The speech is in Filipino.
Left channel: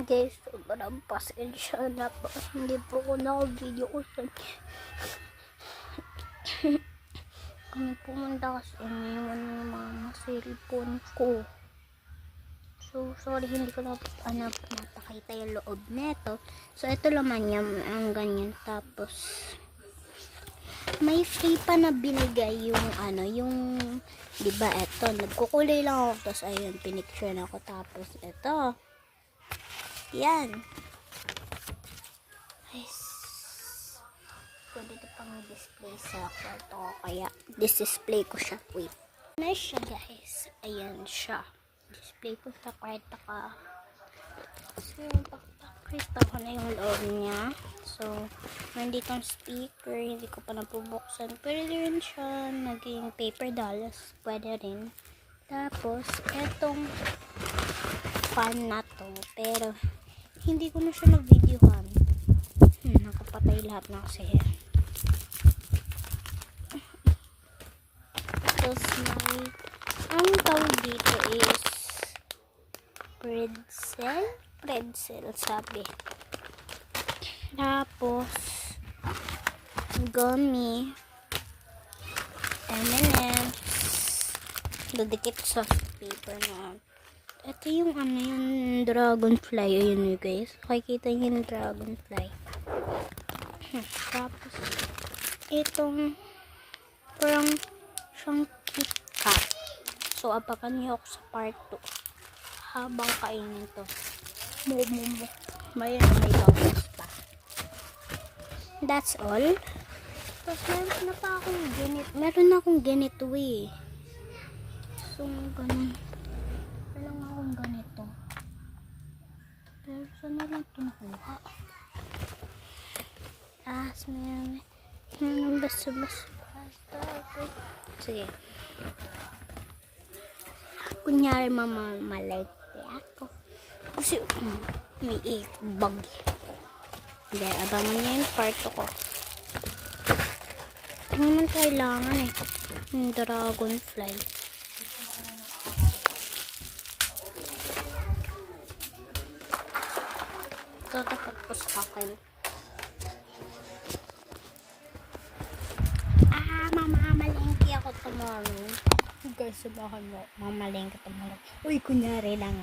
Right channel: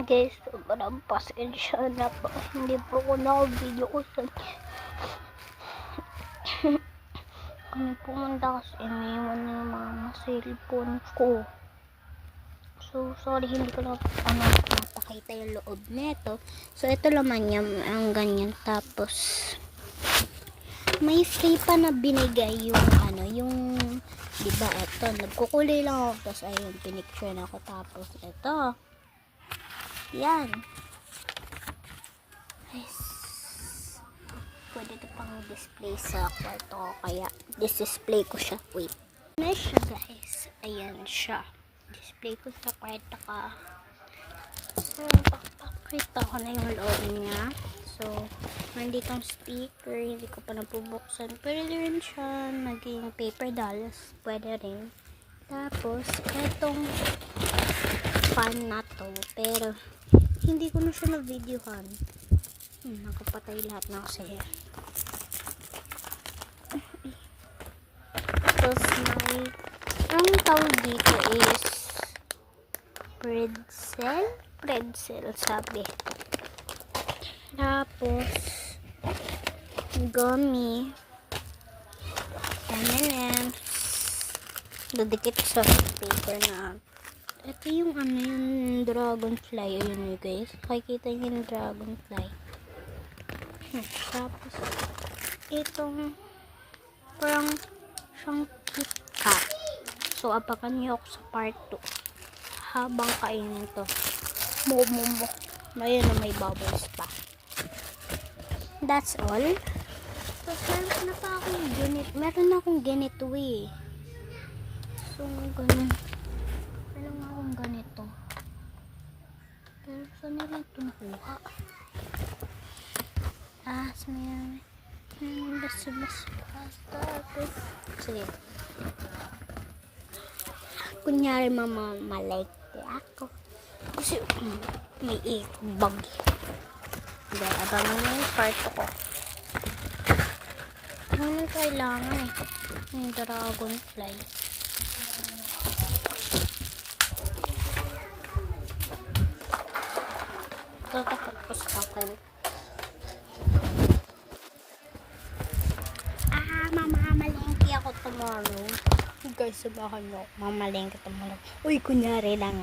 Guys, sobrang pasensya na po. Hindi po ko naka-video ko siya. Kami pumunta kasi iniwan ng mama cellphone ko. So, sorry, hindi ko na napakita yung loob neto. So, ito naman yan, ang ganyan. Tapos, may stay pa na binigay yung diba, ito, nagkukulay lang ako. Tapos, ayun, pinicture na ako. Tapos, ito. Yan. Yes. Pwede ito pang display sa kwarto ko. Kaya, display ko siya. Wait. Ayan siya, guys. Ayan siya. Display ko sa kwarto ka. So, pakita ko na yung loob niya. So, nandito ang sticker. Hindi ko pa napubuksan. Pwede rin siya naging paper dolls. Pwede rin. Tapos, etong fan na to. Pero, hindi ko na siya na-videohan. Nakapatay lahat na kasi. Tapos, ang tawag dito is pretzel sabi. Tapos gummy yan didikit sa paper na ito yung yung dragonfly. Ayun yun guys, makikita nyo yung dragonfly. Tapos itong parang siyang KitKat. So apakan nyo ako sa part 2 habang kainin to. May bubbles pa. That's all. So, meron na pa akong ganito. Meron akong ganito eh. So, ganun. Meron akong ganito. Pero, saan na lang ito nakuha? Sige. Kunyari, mamamalike ako. Kasi, may bag. Dahil, abangan na yung part ko. Ano nang kailangan eh? Yung dragonfly. Kakatapos ako. Mamamalengke ako tomorrow. Guys, sabahan mo. Mamalengke tomorrow. Uy, kunyari lang